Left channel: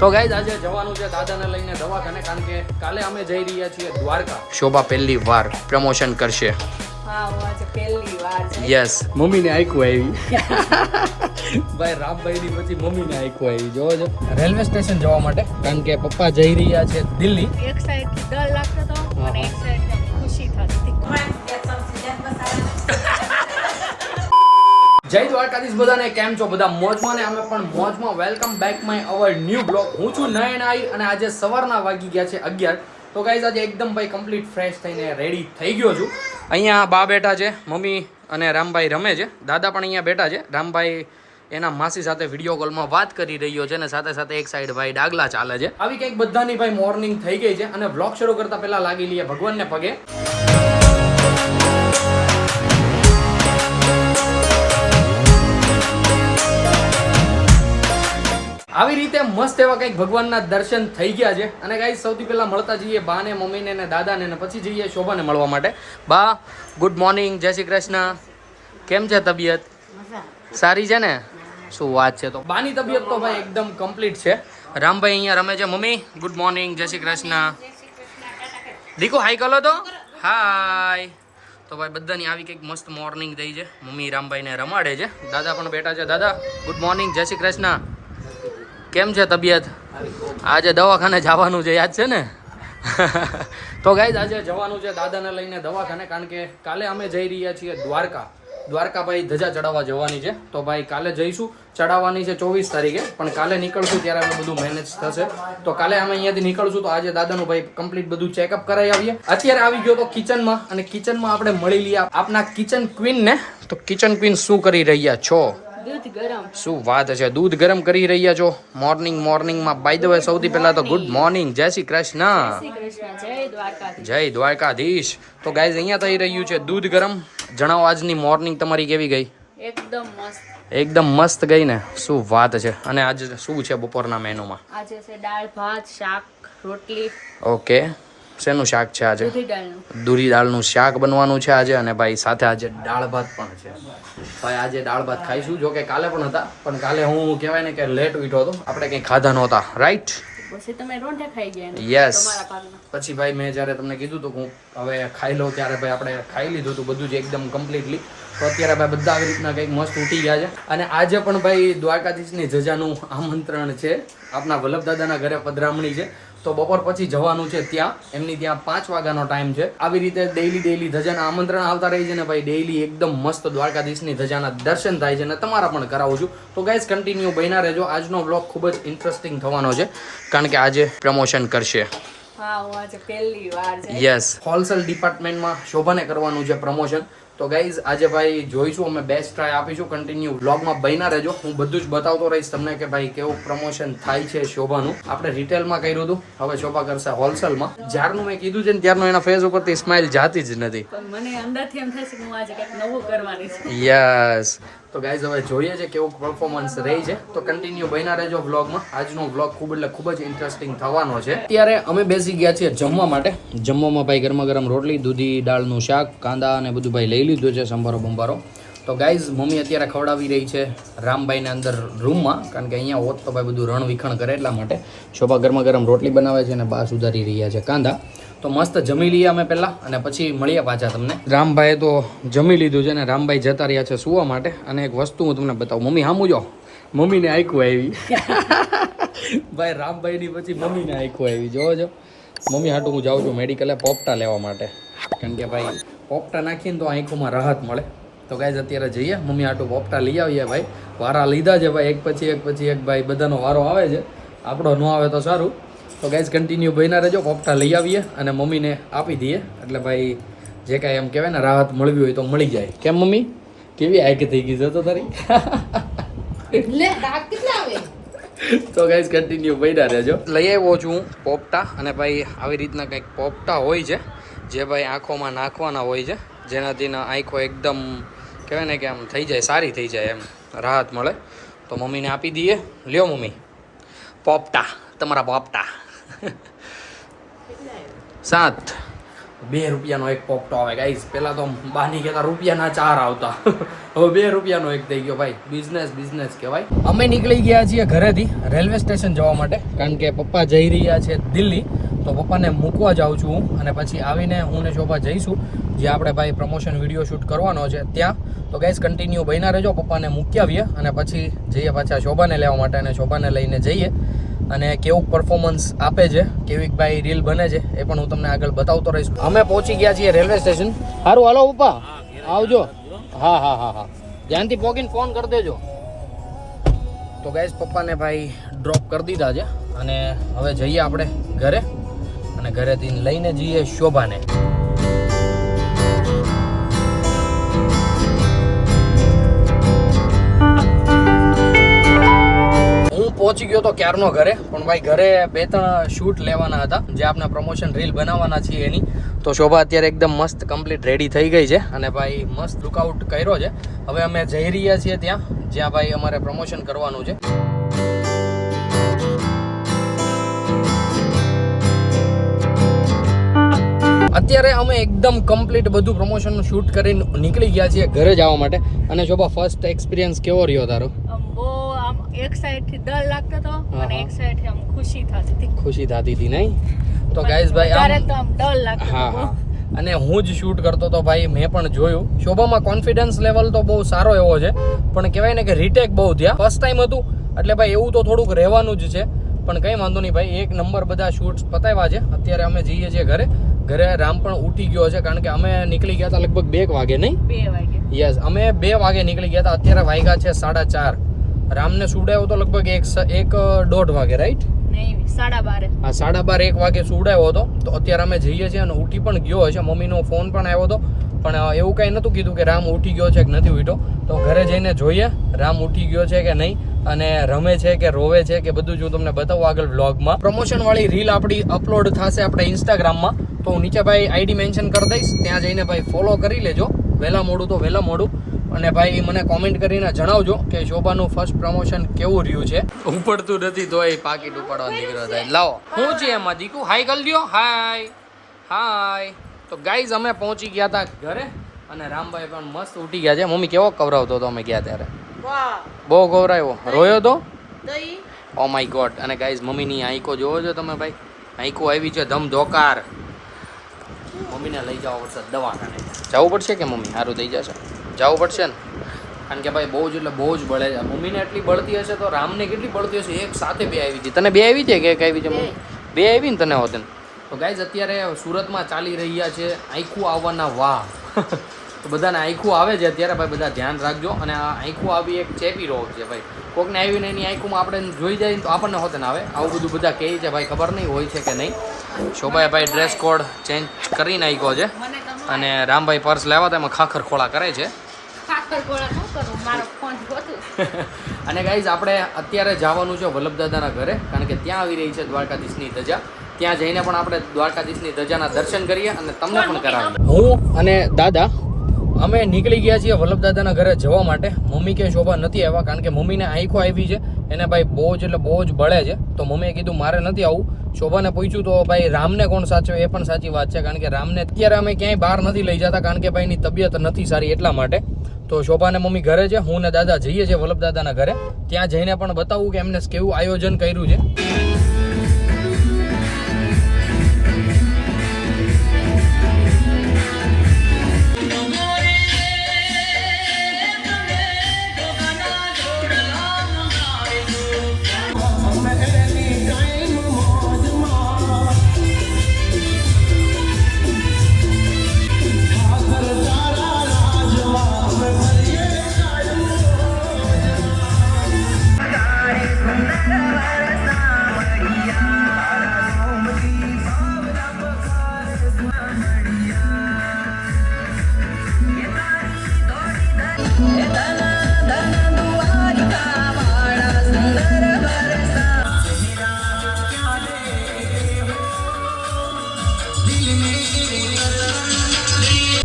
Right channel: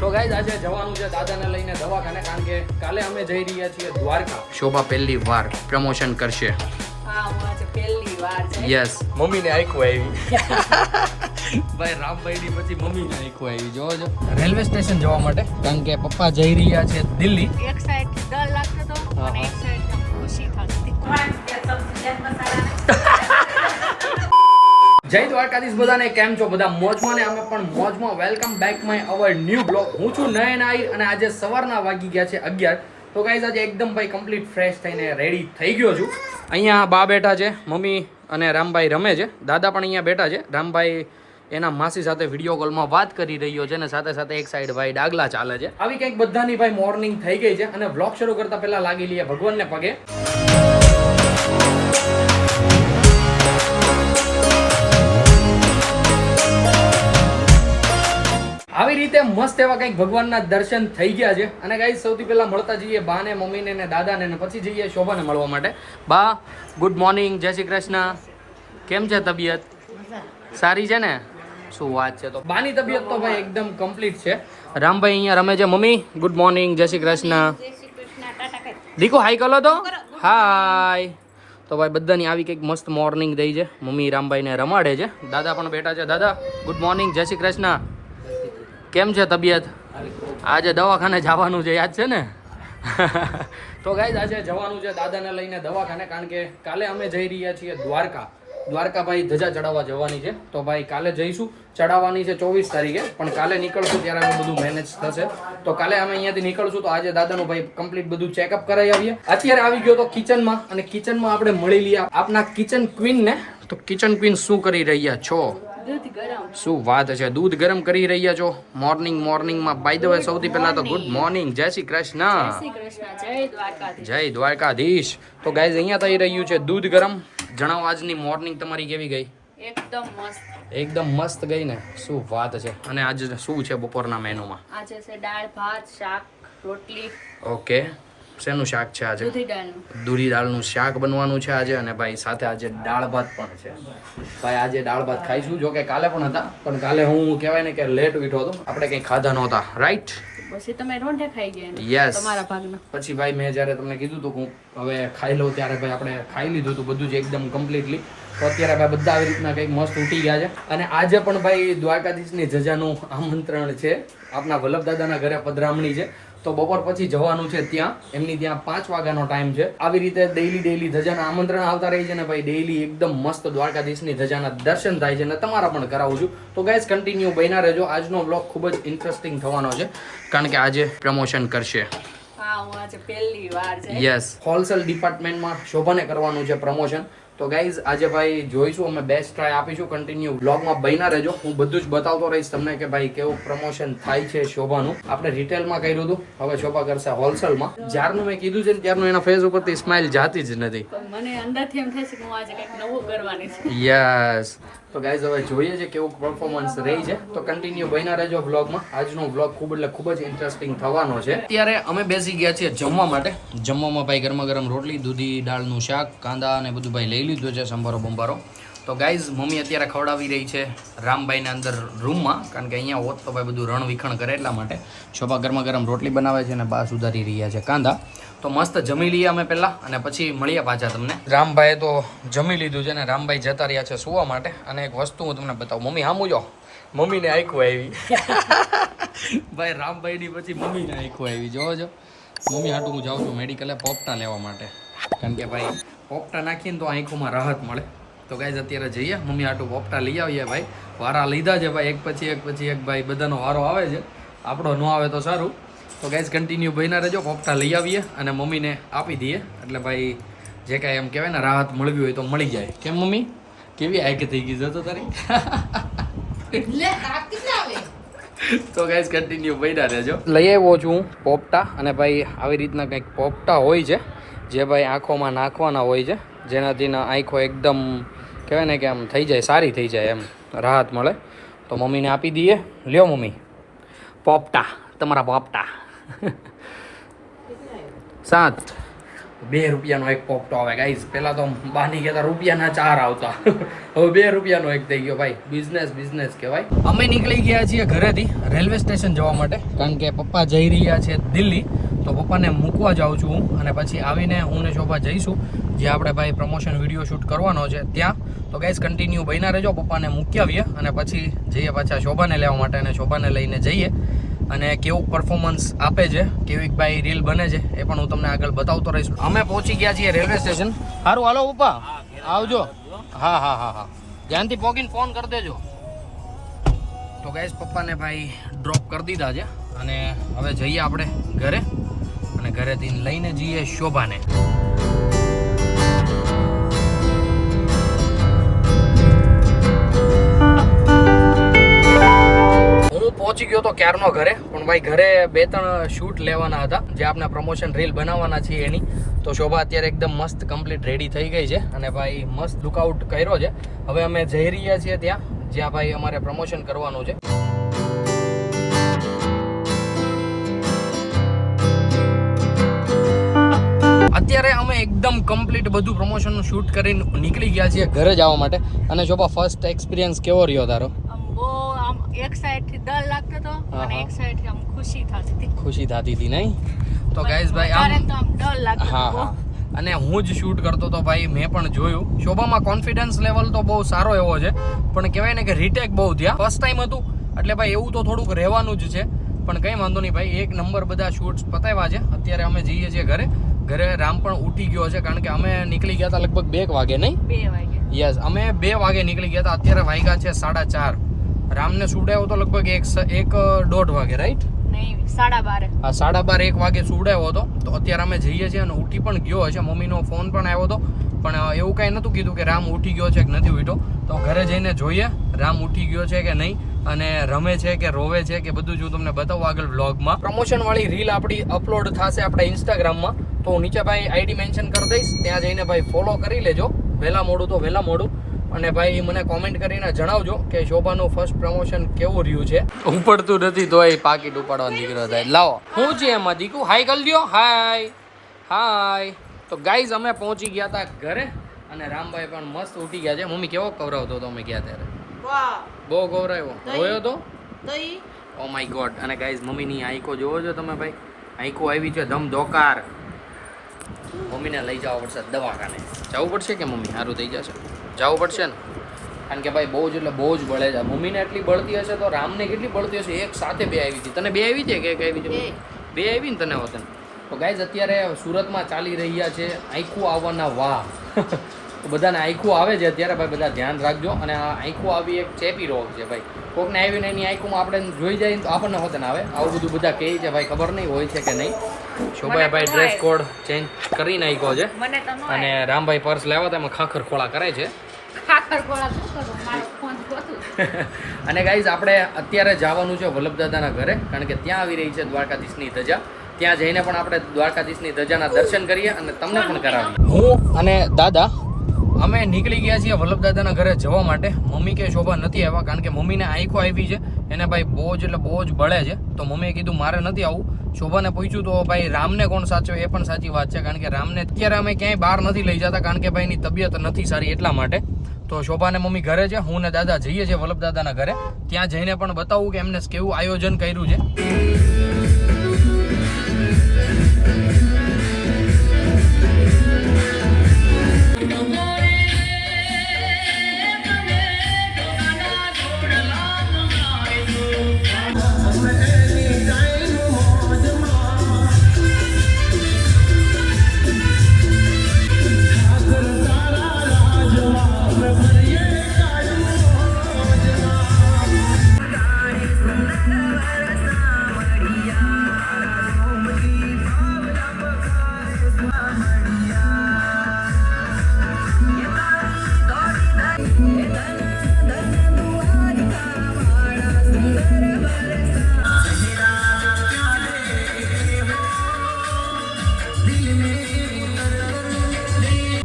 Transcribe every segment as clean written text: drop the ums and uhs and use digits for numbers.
તો ગાઈઝ આજે જવાનું છે દાદાને લઈને દવાખાને, કારણ કે કાલે અમે જઈ રહ્યા છીએ દ્વારકા. શોભા પહેલી વાર પ્રમોશન કરશે. હા, હું આજે પહેલી વાર જઈ. યસ, મમ્મીને આંખો આવી. ભાઈ રામભાઈ ની પછી મમ્મીને આંખો આવી. જોવો છો રેલવે સ્ટેશન જવા માટે, કારણ કે પપ્પા જઈ રહ્યા છે દિલ્હી. એક સાઈડ થી ડર લાગતો હતો અને એક સાઈડ થી ખુશી થતી. જય દ્વારકાધીશ બધાને, કેમ છો બધા? મોજમાં ને અમે પણ મોજમાં. Welcome back my our new blog. હું છું નયન આઈ અને આજે સવારના વાગી ગયા છે 11. તો ગાઈઝ આજે એકદમ ભાઈ કમ્પ્લીટ ફ્રેશ થઈને રેડી થઈ ગયો છું. અહીંયા બા બેઠા છે, મમ્મી અને રામભાઈ રમે છે. દાદા પણ અહીંયા બેઠા છે. રામભાઈ એના માસી સાથે વિડીયો કોલમાં વાત કરી રહ્યો છે અને સાથે સાથે એક સાઈડ ભાઈ ડાગલા ચાલે છે. આવી કંઈક બધાની ભાઈ મોર્નિંગ થઈ ગઈ છે અને વ્લોગ શરૂ કરતા પહેલા લાગી લઈએ ભગવાનને પગે. આવી રીતે મસ્ત એવા કંઈક ભગવાનના દર્શન થઈ ગયા છે. અને ગાઈસ સૌથી પહેલા મળતા જઈએ બાને, મમ્મીને ને દાદાને, ને પછી જઈએ શોભાને મળવા માટે. બા ગુડ મોર્નિંગ, જય શ્રી કૃષ્ણ. કેમ છે તબિયત? સારી છે ને? શું વાત છે. તો બાની તબિયત તો ભાઈ એકદમ કમ્પ્લીટ છે. રામભાઈ અહીંયા રમે છે. મમ્મી ગુડ મોર્નિંગ, જય શ્રી કૃષ્ણ. દીકો હાઈ કરો તો હાય. તો ભાઈ બધાની આવી કંઈક મસ્ત મોર્નિંગ થઈ છે. મમ્મી રામભાઈને રમાડે છે. દાદા પણ બેઠા છે. દાદા ગુડ મોર્નિંગ, જય શ્રી કૃષ્ણ. કેમ છે તબિયત? આજે દવાખાને જવાનું છે, યાદ છે ને? તો ગાઈઝ આજે જવાનું છે દાદાને લઈને દવાખાને, કારણ કે કાલે અમે જઈ રહ્યા છીએ દ્વારકા. દ્વારકા ભાઈ ધજા ચડાવવા જવાની છે. તો ભાઈ કાલે જઈશું. ચડાવવાની છે 24 તારીખે, પણ કાલે નીકળશું ત્યારે અમે બધું મેનેજ થશે. તો કાલે અમે અહીંયાથી નીકળશું. તો આજે દાદાનું ભાઈ કમ્પ્લીટ બધું ચેકઅપ કરાવી આવીએ. અત્યારે આવી ગયો તો કિચનમાં, અને કિચનમાં આપણે મળી લઈએ આપના કિચન ક્વીન ને. તો કિચન ક્વીન શું કરી રહ્યા છો? દૂધ ગરમ. શું વાત છે, દૂધ ગરમ કરી રહ્યા છો મોર્નિંગમાં. બાય ધ વે સૌથી પહેલા તો ગુડ મોર્નિંગ, જય શ્રી કૃષ્ણ. શ્રી કૃષ્ણ, જય દ્વારકાધીશ. જય દ્વારકાધીશ. તો ગાઈઝ અહીંયા થઈ રહ્યું છે દૂધ ગરમ. જણાવો આજની મોર્નિંગ તમારી કેવી ગઈ? એકદમ મસ્ત. એકદમ મસ્ત ગઈ ને? શું વાત છે. અને આજે શું છે બપોરના મેનુમાં? આજે છે દાળ ભાત, શાક, રોટલી. ઓકે, શેનું શાક છે આજે? દૂધી દાળનું. દૂધી દાળનું શાક બનવાનું છે આજે. અને ભાઈ સાથે આજે દાળ ભાત પણ છે. ભાઈ આજે દાળ ભાત ખાઈશું. જો કે કાલે પણ હતા, પણ કાલે હું કહેવાય ને કે લેટ ઉઠ્યો હતો, આપણે કંઈ ખાધા નહોતા, રાઈટ? પછી તમે રોંઢે ખાઈ ગયા ને? યસ. તમારા ભાગનું. પછી ભાઈ મેં જ્યારે તમને કીધું હતું હું હવે ખાઈ લઉં, ત્યારે ભાઈ આપણે ખાઈ લીધું હતું બધું જ એકદમ કમ્પ્લીટલી. તો અત્યારે ભાઈ બધા આવી રીતના કંઈક મસ્ત ઉઠી ગયા છે. અને આજે પણ ભાઈ દ્વારકાધીશની ધજાનું આમંત્રણ છે. આપના વલ્લભદાદાના ઘરે પધરામણી છે. તો બપોર પછી જવાનું છે ત્યાં. એમની ત્યાં 5 વાગ્યાનો ટાઈમ છે. આવી રીતે ડેઈલી ધજાના આમંત્રણ આવતા રહી છે ને ભાઈ. ડેઈલી એકદમ મસ્ત દ્વારકાધીશની ધજાના દર્શન થાય છે ને તમારા પણ કરાવું છું. તો ગાઈસ કન્ટિન્યુ બન્યા રહેજો. આજનો બ્લોગ ખૂબ જ ઇન્ટરેસ્ટિંગ થવાનો છે, કારણ કે આજે પ્રમોશન કરશે. હા, હું આજે પહેલી વાર જઈ. યસ, હોલસેલ ડિપાર્ટમેન્ટમાં શોભાને કરવાનું છે પ્રમોશન. તો ગાઈઝ આજે ભાઈ જોઈશું, અમે બેસ્ટ ટ્રાય આપીશું. કન્ટિન્યુ બ્લોગમાં બન્યા રહેજો. હું બધું જ બતાવતો રહીશ તમને કે ભાઈ કેવું પ્રમોશન થાય છે શોભાનું. આપણે રિટેલમાં કર્યું હતું, હવે શોભા કરશે હોલસેલમાં. જ્યારનું મેં કીધું છે ને ત્યારનું એના ફેસ ઉપરથી સ્માઇલ જાતી જ નથી. પણ મને અંદરથી એમ થાય છે કે હું આજે કંઈક નવું કરવાની છું. યસ. તો ગાઈઝ હવે જોઈએ છે કેવું પરફોર્મન્સ રહી છે. તો કન્ટિન્યુ બન્યા રહેજો વ્લોગમાં. આજનો વ્લોગ ખૂબ જ ઇન્ટરેસ્ટિંગ થવાનો છે. અત્યારે અમે બેસી ગયા છીએ જમવા માટે. જમવામાં ભાઈ ગરમા ગરમ રોટલી, દૂધી દાળનું શાક, કાંદા અને બધું ભાઈ લઈ લીધું છે, સંભારો બંભારો. તો ગાઈઝ મમ્મી અત્યારે ખવડાવી રહી છે રામભાઈને અંદર રૂમમાં, કારણ કે અહીંયા હોત તો ભાઈ બધું રણવિખણ કરે એટલા માટે. શોભા ગરમા ગરમ રોટલી બનાવે છે અને બા સુધારી રહ્યા છે કાંદા. તો મસ્ત જમી લઈએ અમે પહેલા, અને પછી મળીએ પાછા તમને. રામભાઈએ તો જમી લીધું છે ને રામભાઈ જતા રહ્યા છે સુવા માટે. અને એક વસ્તુ હું તમને બતાવું. મમ્મી સામું જો, મમ્મીને આંખો આવી. ભાઈ રામભાઈની પછી મમ્મીને આંખો આવી. જોવો છો, મમ્મી હાટું હું જાઉં છું મેડિકલે પોપટા લેવા માટે, કારણ કે ભાઈ પોપટા નાખીને તો આંખોમાં રાહત મળે. તો ગાઈઝ અત્યારે જઈએ મમ્મી હાટું પોપટા લઈ આવીએ. ભાઈ વારા લીધા છે ભાઈ, એક પછી એક ભાઈ બધાનો વારો આવે છે. આપણો ન આવે તો સારું. તો ગાઈઝ કન્ટિન્યુ બન્યા રહેજો. પોપટા લઈ આવીએ અને મમ્મીને આપી દઈએ, એટલે ભાઈ જે કાંઈ એમ કહેવાય ને રાહત મળવી હોય તો મળી જાય. કેમ મમ્મી, કેવી આંખ થઈ ગઈ છે તો તારી? તો ગાઈઝ કન્ટિન્યુ બન્યા રહેજો. લઈ આવ્યો છું પોપટા, અને ભાઈ આવી રીતના કંઈક પોપટા હોય છે જે ભાઈ આંખોમાં નાખવાના હોય છે, જેનાથી આંખો એકદમ કહેવાય ને કે આમ થઈ જાય, સારી થઈ જાય, એમ રાહત મળે. તો મમ્મીને આપી દઈએ. લ્યો મમ્મી પોપટા, તમારા પોપટા. 7 2 રૂપિયાનો એક પોપટો આવે ગાઈઝ. પહેલા તો બાની કહેતા રૂપિયાના 4 આવતા, હવે 2 રૂપિયાનો એક થઈ ગયો ભાઈ. બિઝનેસ કહેવાય. અમે નીકળી ગયા છીએ ઘરેથી રેલવે સ્ટેશન જવા માટે, કારણ કે પપ્પા જઈ રહ્યા છે દિલ્હી. તો પપ્પાને મૂકવા જાઉં છું હું, અને પછી આવીને હું ને શોભા જઈશું જે આપણે ભાઈ પ્રમોશન વિડીયો શૂટ કરવાનો છે ત્યાં. તો ગાઈઝ કન્ટિન્યુ બન્યા રહેજો. પપ્પાને મૂકી આવીએ અને પછી જઈએ પાછા શોભાને લેવા માટે, અને શોભાને લઈને જઈએ. અને કેવું પરફોર્મન્સ આપે છે, કેવી ભાઈ રીલ બને છે, એ પણ હું તમને આગળ બતાવતો રહીશ. અમે પહોંચી ગયા છીએ રેલવે સ્ટેશન. સારું હાલો પપ્પા, આવજો. હા, ધ્યાનથી પહોંચીને ફોન કરી દેજો. તો ગાઈઝ પપ્પાને ભાઈ ડ્રોપ કરી દીધા છે, અને હવે જઈએ આપણે ઘરે, અને ઘરેથી લઈને જઈએ શોભાને. પહોંચી ગયો તો ક્યારનો ઘરે, પણ ભાઈ ઘરે 2-3 શૂટ લેવાના હતા જે આપણે પ્રમોશન રીલ બનાવવાના છીએ એની. તો શોભા અત્યારે એકદમ મસ્ત કમ્પ્લીટ રેડી થઈ ગઈ છે, અને ભાઈ મસ્ત લુકઆઉટ કર્યો છે. હવે અમે જઈ રહ્યા છીએ ત્યાં જ્યાં ભાઈ અમારે પ્રમોશન કરવાનું છે. અત્યારે અમે એકદમ કમ્પ્લીટ બધું પ્રમોશનનું શૂટ કરીને નીકળી ગયા છીએ ઘરે જવા માટે. અને શોભા ફર્સ્ટ એક્સપિરિયન્સ કેવો રહ્યો તારો? એક સાઈડ થી ડર લાગતો હતો અને એક સાઈડ થી આમ ખુશી થતી હતી નહીં? તો ગાઈઝ ભાઈ આમ ડર લાગતો હતો. અને હું જ શૂટ કરતો તો ભાઈ, મેં પણ જોયું. શોભામાં કોન્ફિડન્સ લેવલ તો બહુ સારો એવો છે, પણ કહેવાય ને કે રીટેક બહુ થયા. ફર્સ્ટ ટાઈમ હતું એટલે ભાઈ એવું તો થોડુંક રહેવાનું જ છે, પણ કંઈ વાંધો નહીં ભાઈ. 1 નંબર બધા શૂટ્સ પતાવ્યા છે. અત્યારે અમે જઈએ છીએ ઘરે. રામ પણ ઉઠી ગયો છે, કારણ કે અમે નીકળી ગયા હતા લગભગ 2 વાગે. નહીં, 2 વાગે. યસ, અમે 2 વાગે નીકળી ગયા હતા. અત્યારે વાગ્યા છે 4:30. રામને સુડાયો તો લગભગ 1-1:30 વાગે, રાઈટ? નહીં, 12:30. હા, 12:30 1 વાગે સુડાયો હતો. તો અત્યારે અમે જઈએ છીએ, અને ઉઠી પણ ગયો હશે. મમ્મીનો ફોન પણ આવ્યો હતો, પણ એવું કાંઈ નહોતું કીધું કે રામ ઉઠી ગયો છે કે નથી ઉઠ્યો. તો ઘરે જઈને જોઈએ રામ ઉઠી ગયો છે કે નહીં, અને રમે છે કે રોવે છે કે બધું જ હું તમને બતાવું આગળ વ્લોગમાં. પ્રમોશન વાળી રીલ આપણી અપલોડ થશે આપણા ઇન્સ્ટાગ્રામમાં. તો હું નીચે ભાઈ આઈડી મેન્શન કરી દઈશ, ત્યાં જઈને ભાઈ ફોલો કરી લેજો. વહેલા મોડું. અને ભાઈ મને કોમેન્ટ કરીને જણાવજો કે શોભાનું ફર્સ્ટ પ્રમોશન કેવું રહ્યું છે. ઉપડતું નથી તોય પાકીટ ઉપાડવા નીકળ્યો થાય. લાવો શું છે એમાં દીકુ? હાય કરી દો. હાય. તો ગાઈઝ અમે પહોંચી ગયા હતા ઘરે, અને રામભાઈ પણ મસ્ત ઉઠી ગયા છે. મમ્મી કેવો કવરાવતો હતો અમે ગયા ત્યારે? બહુ કવરાવ્યો. રોયો તો? Oh my God. અને ગાઈઝ મમ્મીની આંખો જોવો છો તમે ભાઈ, આંખો આવી છે ધમધોકાર. મમ્મીને લઈ જવા પડશે દવાખાને. જવું પડશે કે મમ્મી? સારું થઈ જશે. જવું પડશે ને, કારણ કે ભાઈ બહુ જ બળે છે. મમ્મીને એટલી બળતી હશે તો રામને કેટલી બળતી હશે? એક સાથે 2 આવી હતી. તને 2 આવી છે કે એક આવી છે? 2 આવી ને તને હોતે. તો ગાઈઝ અત્યારે સુરતમાં ચાલી રહ્યા છે આંખું આવવાના વાહ. તો બધાને આંખું આવે છે અત્યારે ભાઈ, બધા ધ્યાન રાખજો. અને આ આંખું આવી એક ચેપી રોગ છે ભાઈ. કોકને આવીને એની આંખુમાં આપણે જોઈ જાય તો આપણને હોતે ને આવે. આવું બધું બધા કહે છે ભાઈ, ખબર નહીં હોય છે કે નહીં. શોભાએ ભાઈ ડ્રેસ કોડ ચેન્જ કરી નાખ્યો છે, અને રામભાઈ પર્સ લાવ્યા હતા એમાં ખાખર ખોળા કરે છે. અને ગાઈઝ આપણે અત્યારે જવાનું છે વલ્લભદાદાના ઘરે, કારણ કે ત્યાં આવી રહી છે દ્વારકાધીશની ધજા. ત્યાં જઈને પણ આપણે દ્વારકાધીશની ધજાના દર્શન કરીએ અને તમને પણ કરાવીએ. હું અને દાદા અમે નીકળી ગયા છીએ વલ્લભદાદાના ઘરે જવા માટે. મમ્મી કે શોભા નથી આવ્યા, કારણ કે મમ્મીને આંખો આવી છે, એને ભાઈ બહુ જ બળે છે. તો મમ્મીએ કીધું મારે નથી આવું. શોભાને પૂછ્યું તો ભાઈ રામને કોણ સાચવે? એ પણ સાચી વાત છે, કારણ કે રામને અત્યારે અમે ક્યાંય બહાર નથી લઈ જતા, કારણ કે ભાઈની તબિયત નથી સારી એટલા માટે. તો શોભાને મમ્મી ઘરે છે, હું ને દાદા જઈએ છીએ વલ્લભદાદાના ઘરે. ત્યાં જઈને પણ બતાવું કે એમને કેવું આયોજન કર્યું છે.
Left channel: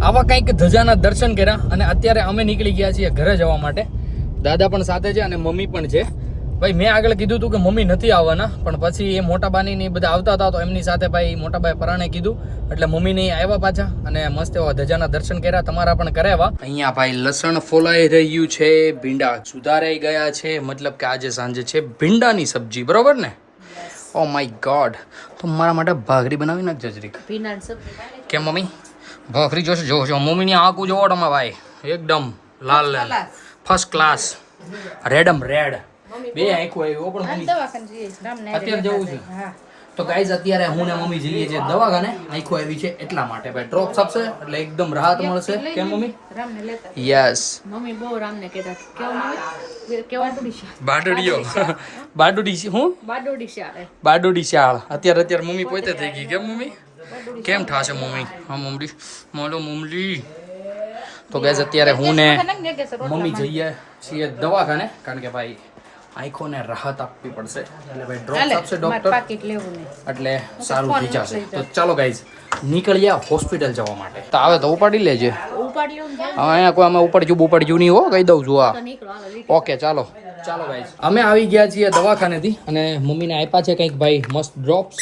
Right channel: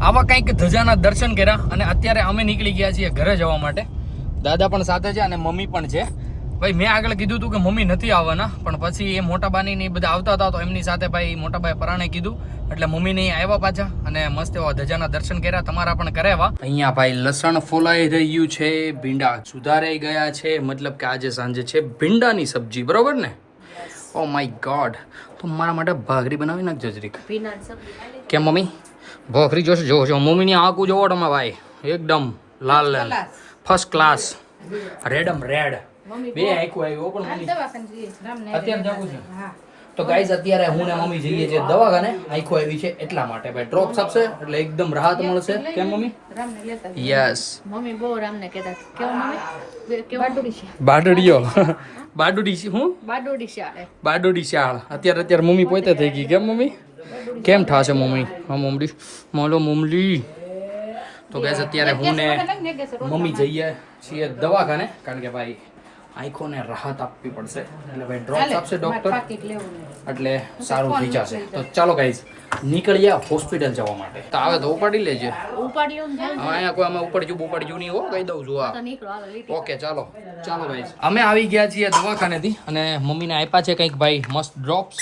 આવા કંઈક ધજાના દર્શન કર્યા, અને અત્યારે અમે નીકળી ગયા છીએ ઘરે જવા માટે. દાદા પણ સાથે છે અને મમ્મી પણ છે. ભાઈ મેં આગળ કીધું હતું કે મમ્મી નથી આવવાના, પણ પછી એ મોટાબાની ને બધા આવતા હતા તો એમની સાથે ભાઈ મોટાબાઈ પરાણે કીધું એટલે મમ્મી ને આવ્યા પાછા અને મસ્ત એવા ધજાના દર્શન કર્યા, તમારા પણ કરાવ્યા. અહીંયા ભાઈ લસણ ફોલાઈ રહ્યું છે, ભીંડા સુધારાઈ ગયા છે, મતલબ કે આજે સાંજે છે ભીંડાની સબ્જી, બરોબર ને? ઓ માય ગોડ, તો મારા માટે ભાખરી બનાવી નાખજો જરીક. કેમ મમ્મી ભાખરી જોશે? જો મમ્મીની આંખું જોવો તમે ભાઈ, એકદમ લાલ લાલ ફર્સ્ટ ક્લાસ, રેડમ રેડ બે આંખું આવ્યો પણ મમ્મી અત્યારે જવું છે. તો ગાઈઝ અત્યારે હું ને મમ્મી જઈએ છીએ દવાખાને, આંખો આવી છે એટલા માટે ભાઈ ડ્રોપ્સ આપશે એટલે એકદમ રાહત મળશે. કેમ મમ્મી? યસ મમ્મી બહુ રામને કહેતા કેવો મમ્મી કે બાડોડીઓ બાડોડી હું બાડોડી શાળે બાડોડી શાળ અત્યારે મમ્મી પોતે થઈ ગઈ. કેમ મમ્મી? કેમ થાશે મમ્મી? હા મમ્મી મોલો મમ્મી. તો ગાઈઝ અત્યારે હું ને મમ્મી જઈએ છીએ દવાખાને, કારણ કે ભાઈ આંખોને રાહત આપવી પડશે એટલે ભાઈ ડ્રોપ્સ આપશે ડોક્ટર એટલે સારું થઈ જશે. તો ચાલો ગાઈઝ નીકળ્યા હોસ્પિટલ જવા માટે. તો આવે તો ઉપાડી લેજે. અહીંયા કોઈ અમે ઉપાડ્યું નહીં હો, કહી દઉં છું. આ ઓકે ચાલો ગાઈઝ અમે આવી ગયા છીએ દવાખાનેથી અને મમ્મીને આપ્યા છે કંઈક ભાઈ મસ્ત ડ્રોપ્સ,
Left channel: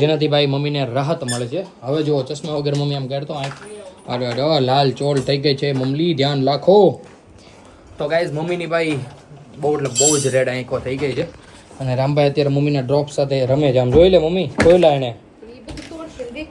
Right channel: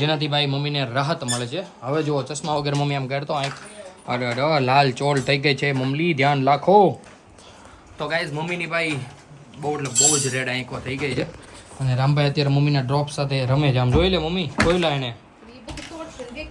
જેનાથી ભાઈ મમ્મીને રાહત મળે છે. હવે જુઓ ચશ્મા વગર મમ્મી આમ કાઢતો આંખ અરે લાલ ચોળ થઈ ગઈ છે મમ્મી, ધ્યાન રાખો. તો ગાઈઝ મમ્મીની ભાઈ બહુ જ રેડ આંખો થઈ ગઈ છે અને રામભાઈ અત્યારે મમ્મીના ડ્રોપ સાથે રમે છે. આમ જોઈ લે મમ્મી, ખોઈલા એને.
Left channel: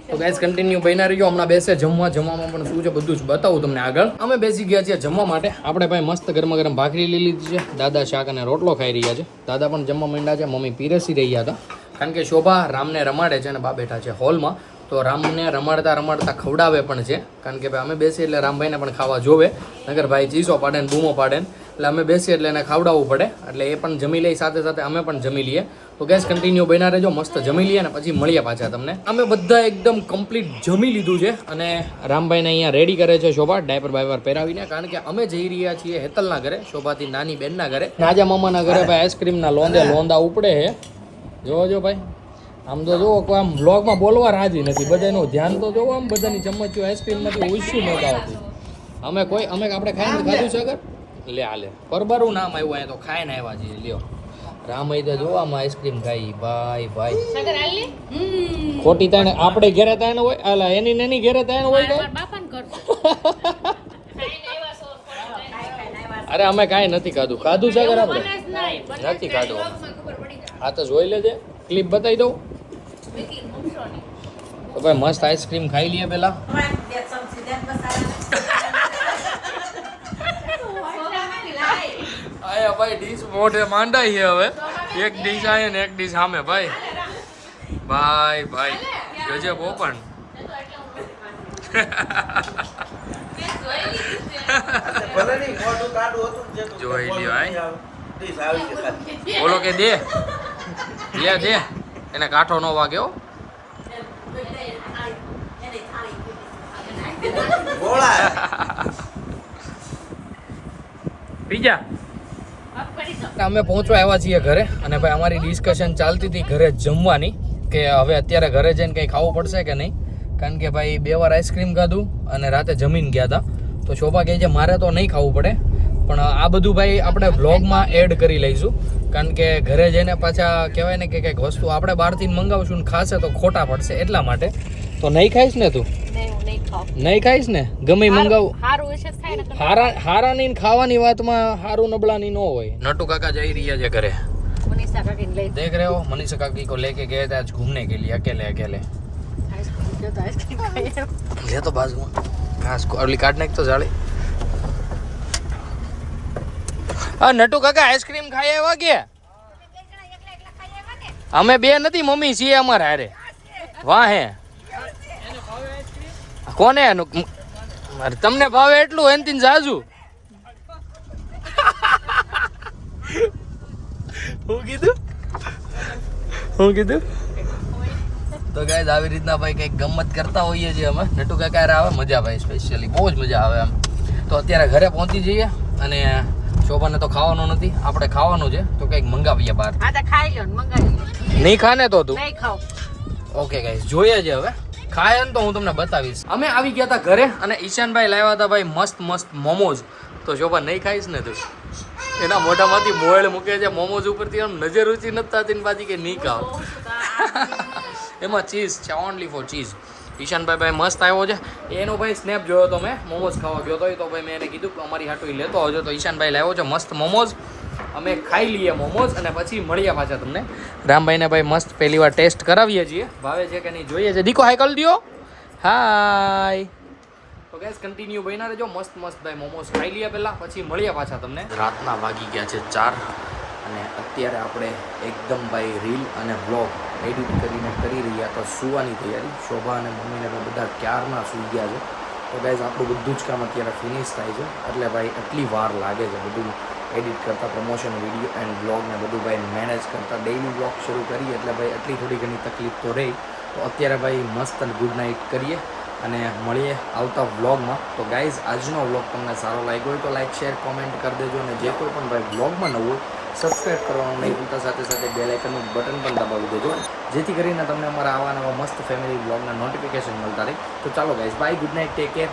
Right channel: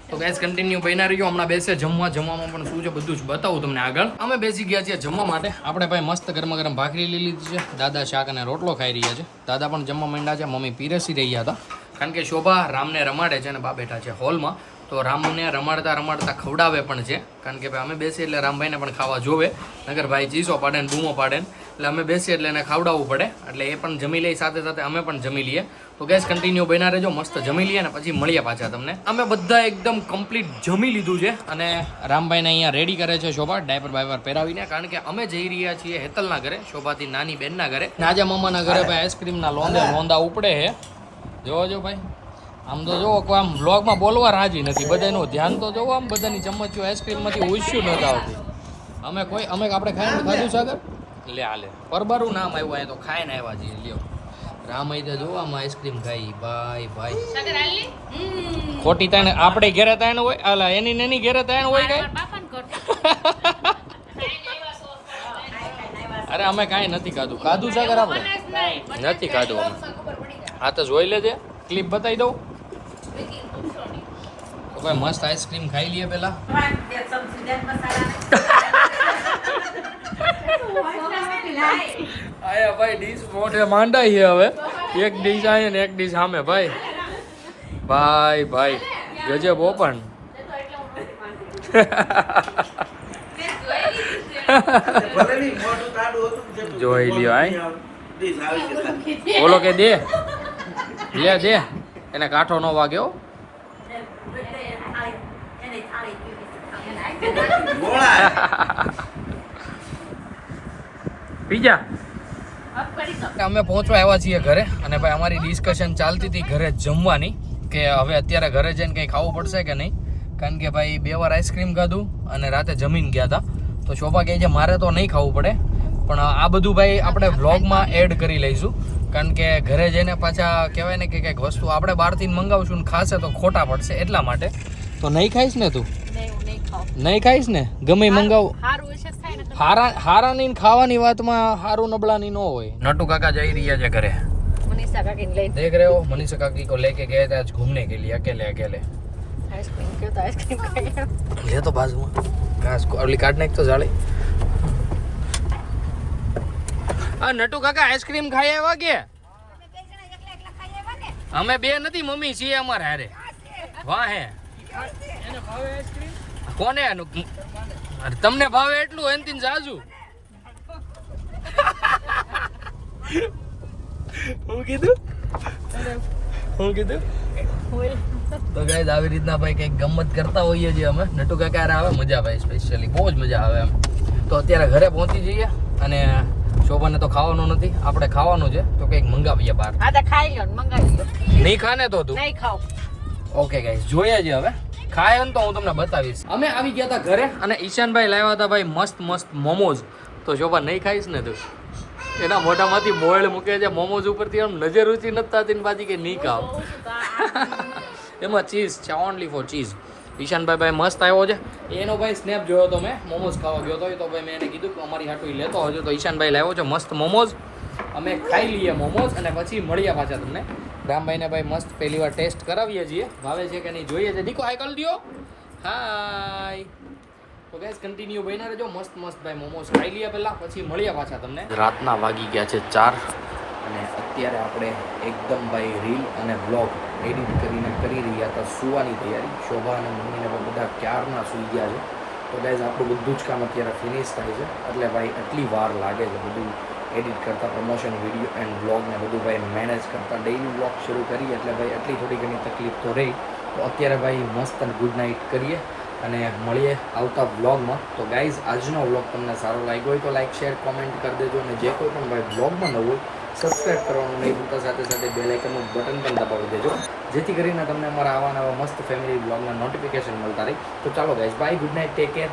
તો ગાઈઝ કન્ટિન્યુ બન્યા રહીજો, હમણાં બેસે જમવામાં પણ શું છે બધું જ બતાવું તમને આગળ. અમે બેસી ગયા છીએ જમવા માટે. આપણે ભાઈ મસ્ત ગરમા ગરમ ભાખરી લઈ લીધી છે, દાદા શાક અને રોટલો ખાઈ રહ્યા છે, દાદા પણ જમવા માંડ્યા છે, મમ્મી પીરસી રહ્યા હતા. કારણ કે શોભા રામને રમાડે છે અને બા બેઠા છે હોલમાં, તો રામને રમાડતા ખવડાવે પણ છે. કારણ કે ભાઈ અમે બેસીએ એટલે રામભાઈને પણ ખાવા જોવે, નગર ભાઈ ચીસો પાડે ને બૂમો પાડે ને, એટલે અમે બેસીએ એટલે એને ખાવડાવવું પડે, એટલે એ પણ જમી લે સાથે સાથે અમે પણ જમી લઈએ. તો ગેસ કન્ટિન્યુ બન્યા રહેજો, મસ્ત જમી લઈએ ને પછી મળીએ પાછા તમને. અમે બધા એકદમ કમ્પ્લીટ જમી લીધું છે અને રામભાઈને અહીંયા રેડી કરે છે શોભા ડાયપર બાયપર પહેરાવીને, કારણ કે અમે જઈ રહ્યા છીએ હેતલના ઘરે, શોભાથી નાની બેનના ઘરે. નાજા મામાના ઘરે ભાઈ આઈસ્ક્રીમના લોંદા ઉપડે છે. જોજો ભાઈ આમ તો જુઓ કોઈ આમ બ્લોગમાં બોલવા રાજી નથી, બધાનું ધ્યાન તો જોવો, આમ બધાની ચમચીઓ આઈસ્ક્રીમમાંથી ઉછ્યું નહોતા આવતી. અમે આપણે ખાઈને ખાધું છે આગળ લે પરબરું નામ આવ્યું અહીંયા, તો ખાઈને આવ્યા છીએ. લ્યો રામ અહીં તો જોવો આમાં આઈસ્ક્રીમ ખાઈ ભાઈ ખોટી તાણે આપણે ઘેરે તાણ હોય, આલા એની ઘેરે તાણ હોય કઈ. અરે અમે કાંઈ નથી ખાધું છે આગળ, આપણે નથી ખાધું. હા તો જોઈ લેજે, ક્લિપ બતાવી દઉં. તો ભાઈ મસ્ત આઈસ્ક્રીમ ખાઈ લઈએ પેલા. આયા ભાઈ ડીશ મોઢે માંડાઈ છે હવે, એક ડીશ આયે ને એક ડીશ સામે. ભાઈ ગજબ ઓપન. જોઈ લ્યો આય બોલો કે દે એને કાંઠો ન વાગ્યો. પીજા અમે પહોંચવા આવ્યા છીએ ઘરે અને ભાઈ અમારી ડિસ્કશન ચાલતી હતી ઘરે જમવાની, કે હવે અત્યારે ઘરે જઈને કંઈ ખાવું પડશે કે નહીં, કારણ કે ભાઈ 2 વાર આઈસ્ક્રીમ ખાધું અને રાતે જમીન ગયા હતા. તો શોભા કહે છે મારે તો નહીં ખાવું પડે, પણ આ બધું ભાઈ આપણે વ્લોગમાં એડ કરી લઈશું, કારણ કે ઘરે જઈને પાછા કહેવાય ને કે કંઈક વસ્તુ આપણે બહારથી મંગાવશું ને ખાશે તો ખોટા પડશે, એટલા માટે. તો નહીં ખાઈશ ને તું? નહીં ખાઈશ ને? ગમે મંગાવ હારાની ખાવાની વાતમાં હારું નબળાની ન હોય. નટુ કાકા જઈ રહ્યા છે ઘરે, देख रहे हो मनीषा काकी को लेके गए थे आज घूमने के लिए अकेले. ले तो बाजू में घास को अगली काटने तो जाले. हाँ नटू काका आइसक्रीम खाए एवा के અમે બે નથી, મમ્મી છીએ અમારા હારે. વાહ હે કોને તમને ભાવે એટલું એનથી જાજુ. હું કીધું તો ગાઈસ આવી રીતના ભાઈ કંઈક ગમત કરતા હોઈએ છીએ અમે. નટુ કાકા આવે મજા ભાઈ, સ્પેશિયલી બહુ જ મજા આવે એમ. તો અત્યારે ઘરે પહોંચી જઈએ અને શોભાને તો ખાવાનું નથી, આપણે ખાવાનું છે તો કંઈક મંગાવીએ બહાર. નહીં ખાને તો તું નહીં ખાવ. ઓકે ગાઈસ જોઈએ છે હવે ખાય ને તો હું તમને બતાવીશ. અમે આવી ગયા હતા ઘરે અને ઈશાનભાઈ લાવ્યા હતા ભાઈ મસ્ત મોમોઝ. તો શોભા નહીં ખાઈશ ને તું? એના મોઢામાંથી મોળ મૂકે છે મોમોઝ ઉપરથી આમ નજર ઊંચી નથી થતી ને પાછી કે નહીં ખાવ એમાં ચીઝ છે ઓનલી ફોર ચીઝ ઈશાનભાઈ મસ્ત આવ્યો છે એનો ભાઈ સ્નેપ જોયો તો મેં મોમોઝ ખાવા ગયો હતો તો ભાઈ મેં એને કીધું કે અમારી હાટું લેતો આવજો તો ઈશાનભાઈ લાવ્યો છે મસ્ત મોમોઝ અમે ખાઈ લઈએ મોમોઝ અને પછી મળ્યા પાછા તમને રામભાઈને ભાઈ મસ્ત પહેલી વાર ટેસ્ટ કરાવીએ છીએ ભાવે છે કે નહીં જોઈએ છે દીકો હાય કરી દો હાય તો ગેસ કન્ટિન્યુ બન્યા રહેજો મસ્ત ભાઈ મોમોઝ ખાઈ લઈએ પહેલાં પછી મળ્યા પાછા તમને રાતના વાગી ગયા છે 4 અને અત્યારે આપણે એકદમ ભાઈ રીલ અને બ્લોગ એડિટ કરીને કરી રહ્યા તો સુવાની તૈયારી શોભા અને મમ્મીને પણ બધા ક્યારના સૂઈ ગયા છે તો ગાઈઝ આપણું બધું જ કામ અત્યારે ફિનિશ થાય છે એટલે ભાઈ એટલી વાર લાગે છે બધું એડિટ કરતાં પ્રમોશન વિડીયો એન્ડ બ્લોગને બધું ભાઈ મેનેજ કરતાં ડેઇલી બ્લોગ શરૂ કરીએ એટલે ભાઈ એટલી થોડી ઘણી તકલીફ તો રહી તો અત્યારે ભાઈ મસ્ત અને ગુડ નાઇટ કરીએ અને મળીએ આવતા વ્લોગમાં તો ગાઈઝ આજનો વ્લોગ તમને સારો લાગ્યો હોય તો લાઇક શેર કોમેન્ટ કરી દેજો અને જે કોઈ પણ ભાઈ વ્લોગમાં ન હોય સબસ્ક્રાઈબ કરવાનું નહીં ભૂલતા સાથે સાથે બેલ આઇકનનું બટન પણ દબાવી દેજો જેથી કરીને તમને અમારા આવા નવા મસ્ત ફેમિલી વ્લોગના નોટિફિકેશન મળતા રહે તો ચાલો guys bye good night take care